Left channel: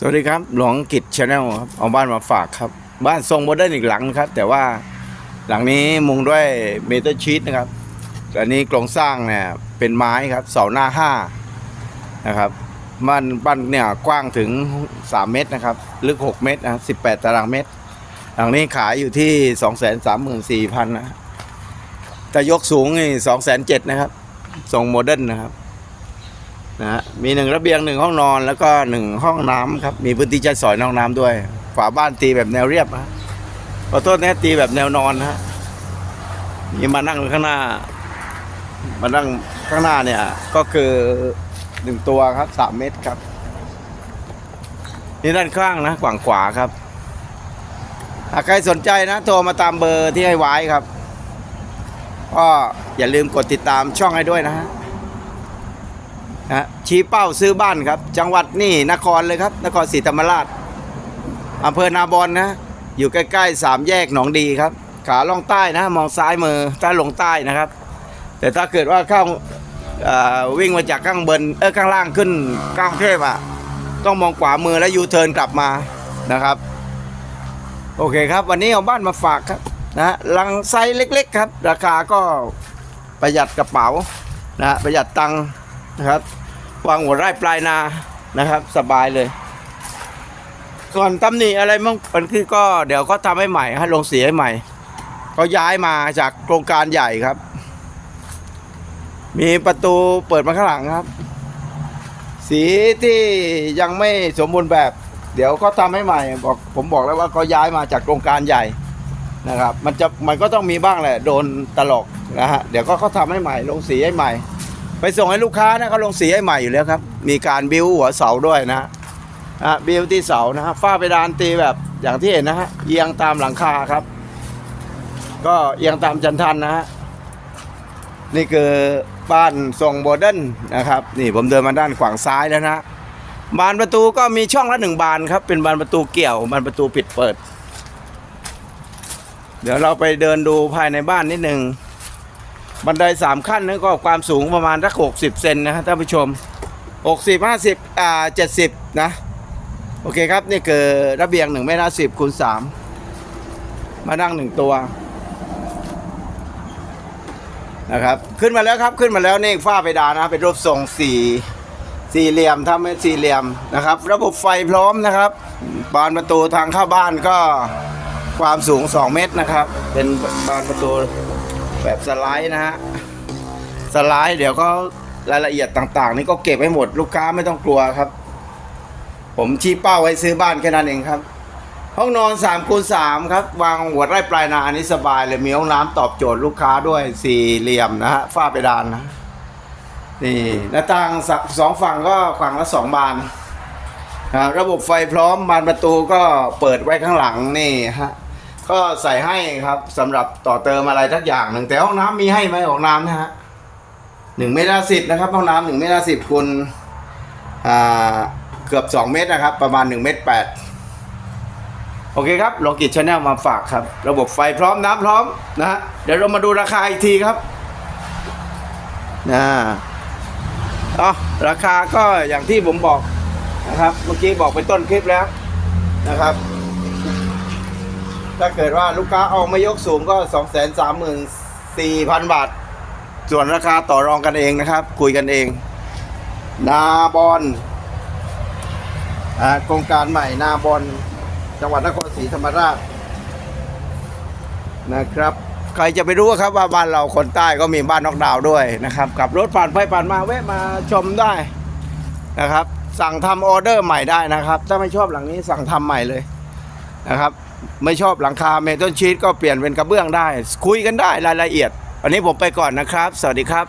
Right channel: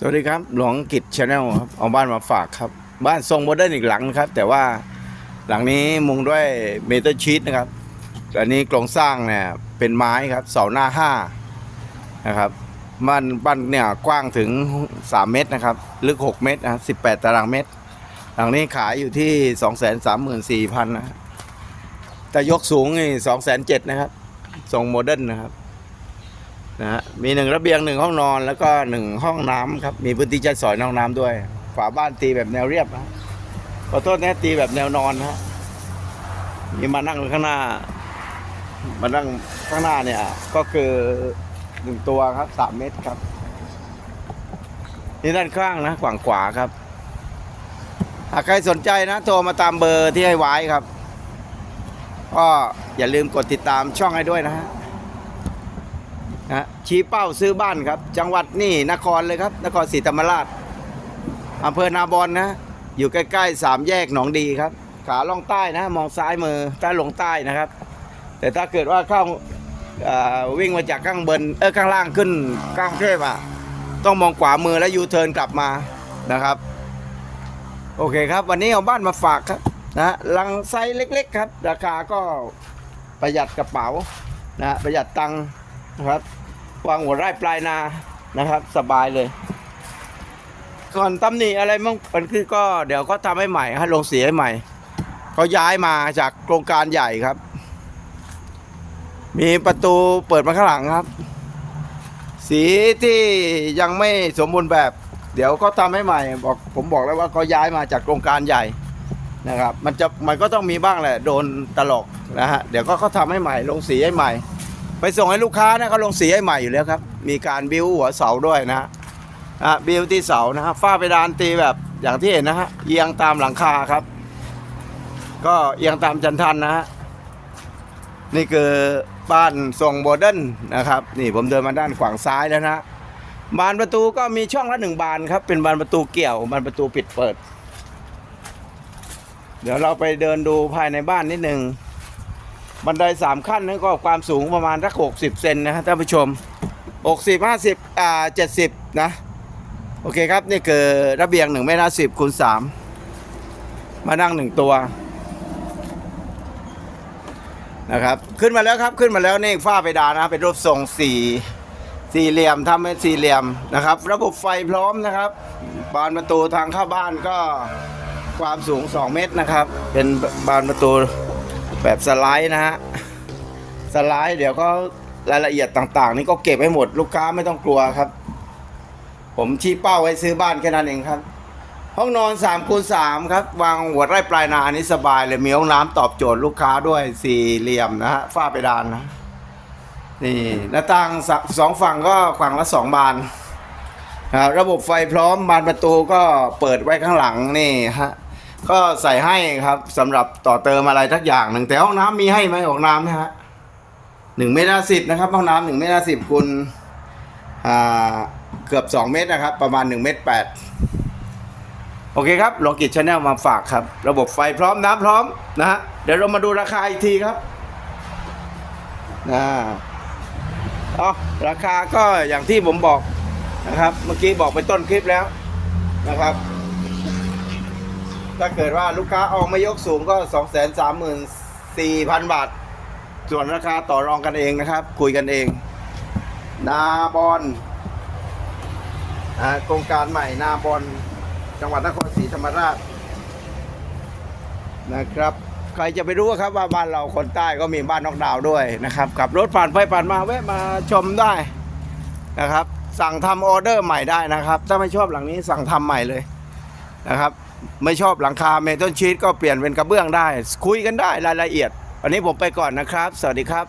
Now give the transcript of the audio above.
สวัสดีครับ หลวงกิจชาแนลครับเอาบ้านมาฝากครับ บ้านทรงโมเดิร์นอีกหลังนะครับ แต่ว่าหลังนี้มุงด้วยเมทัลชีตนะครับอันนี้โครงสร้างเนี่ยเป็นไม้ครับเสาหน้าห้านะครับบ้านบ้านเนี่ยกว้างถึง 3 เมตรนะครับลึก 6 เมตรนะครับ18 ตารางเมตร หลังนี้ขายอยู่ที่ 234,000นะแต่ยกสูงนี่207,000นะครับทรงโมเดิร์นนะครับ นะฮะมีหนึ่งระเบียงหนึ่งห้องนอนแล้วก็หนึ่งห้องน้ำครับ มีพื้นที่ใช้สอยในห้องน้ำด้วย ฝาบ้านตีแบบแนวเรียบนะขอโทษนะตีแบบแนวนอนนะฮะมีมานั่งข้างหน้า มานั่งข้างหน้าเนี่ยก็คือหนึ่งตัวครับสามเมตรครับ นี่ด้านข้างนะฝั่งขวาครับ หากใครสนใจนะ โทรมาตามเบอร์ที่ให้ไว้ครับ ก็อย่าลืมกดติดตามช่องให้ด้วยนะฮะ นะชี้เป้าซื้อบ้านครับ จังหวัดนี่นครเลยครับ นครศรีธรรมราชอำเภอนาบอนนะ อยู่ใกล้ๆสามแยกหนองดีครับ ขาล่องใต้นะ มองซ้ายมือถ้าลงใต้นะครับ แต่ถ้าเกิดว่าเข้าวิ่งมาจากข้างบนเออข้างล่างขึ้นกลางเทพอะต้องมองขวามือแล้วยูเทิร์นกลับมานะครับ โอเคครับ วันนี้เอาบ้านมาฝากครับนะลังไซส์เล็ก ๆ ครับ ราคาก็ประหยัดกระเป๋านะประหยัดตังค์ นะครับ วางหัวไร่ปลายนานะครับ สบายเลย ส่วนตำหนิอะไรมั่งมันคือก็เดี๋ยวเขาทำให้ใหม่ให้ลงสีให้ใหม่เขาย้ายมาจากโครงการใหญ่ครับ มีประตูเปิดมาข้างหลังครับ สีที่ยังไม่สมบูรณ์แบบ เดี๋ยวเขาทำให้ใหม่บอกผมบอกแล้วว่าเขาย้ายมาจากโครงการใหญ่นะครับ มันจะมันก็ต้องมีบ้างแหละโดนตลกนะฮะเดี๋ยวก็เขาทำให้ใหม่ลงสีให้ใหม่ ไปส่งให้ลูกค้านะเขาลงสีให้ใหม่อยู่แล้วครับ มีการบิ้วหัวเสาด้วยนะฮะอะบิ้วที่เสานะฮะฝ้าเพดานตีแบบอย่างที่เห็นนะฮะเอียงตามหลังคาครับ ก็เอียงตามจันทันนะฮะนี่คือบ้านทรงโมเดิร์นนะครับ นี่ผมเดินมาด้านขวางซ้ายแล้วนะฮะบานประตูก็มีช่องละหนึ่งบานครับ เป็นบานประตูเกี่ยวบานประตูปิดเปิด เดี๋ยวเราไปเดินดูภายในบ้านนิดหนึ่ง บันไดสามขั้นนั่นก็ความสูงประมาณสักหกสิบเซนนะฮะท่านผู้ชมหกสิบห้าสิบอ่าเจ็ดสิบนะโอเคครับนี่คือระเบียงหนึ่งเมตรสิบคูณสามมานั่งหนึ่งตัวนะครับขึ้นมาแล้วครับขึ้นมาแล้วนี่ฝ้าเพดานนะเป็นรูปทรงสี่สี่เหลี่ยมทำเป็นสี่เหลี่ยมนะครับ ระบบไฟพร้อมนะครับบานประตูทางเข้าบ้านก็ความสูง 2 เมตรนะครับ เป็นบานประตู แบบสไลด์นะฮะ สไลด์เดี๋ยวก็รายละเอียดต่างๆ นี่ก็เก็บให้หมดลูกค้าไม่ต้องกลัวครับ ผมชี้เป้าไว้ซื้อบ้านแค่นั้นเองครับ ห้องนอน3คูณ3ครับ วางหัวไร่ปลายนาอันนี้สบายเลยมีห้องน้ำตอบโจทย์ลูกค้าด้วยสี่เหลี่ยมนะฮะฝ้าเพดานนะนี่หน้าต่างสสองฝั่งก็ฝั่งละสองบานระบบไฟพร้อมบานประตูก็เปิดไว้ข้างหลังนี่ฮะ ก็ใส่ให้ครับสำหรับต่อเติมอะไรทักอย่างหนึ่งแต่ห้องน้ำมีให้ไหมห้องน้ำนะฮะหนึ่งเมตรสิบนะครับห้องน้ำหนึ่งเมตรสิบคูณอ่าเกือบสองเมตรนะครับ ประมาณหนึ่งเมตรแปดโอเคครับโลกิจชาแนลมาฝากครับ ระบบไฟพร้อมน้ำพร้อมนะฮะเดี๋ยวเรามาดูราคาอีกทีครับนะอ๋อราคาก็อย่างที่ผมบอกนะครับ เมื่อกี้บอกไปต้นคลิปแล้วนะครับ ถ้าเกิดว่าลูกค้าเอามายกสูงก็ 2 3 4 0 0 0 บาท ส่วนราคาต่อรองกันเองนะครับ คุยกันเอง นาบอนอ่าโครงการใหม่นาบอนจังหวัดนครศรีธรรมราชนะครับ ใครจะไปรู้ครับว่าบ้านเราคนใต้ก็มีบ้านนอกดาวด้วยนะครับขับรถผ่านไปผ่านมาแวะมาชมได้นะครับ สั่งทำออเดอร์ใหม่ได้นะครับ ถ้าไม่ชอบหลังนี้สั่งทำใหม่เลยนะครับ ไม่ชอบหลังคาเมทัลชีตก็เปลี่ยนเป็นกระเบื้องได้ คุยกันได้รายละเอียด อันนี้ผมไปก่อนนะครับ สวัสดีครับ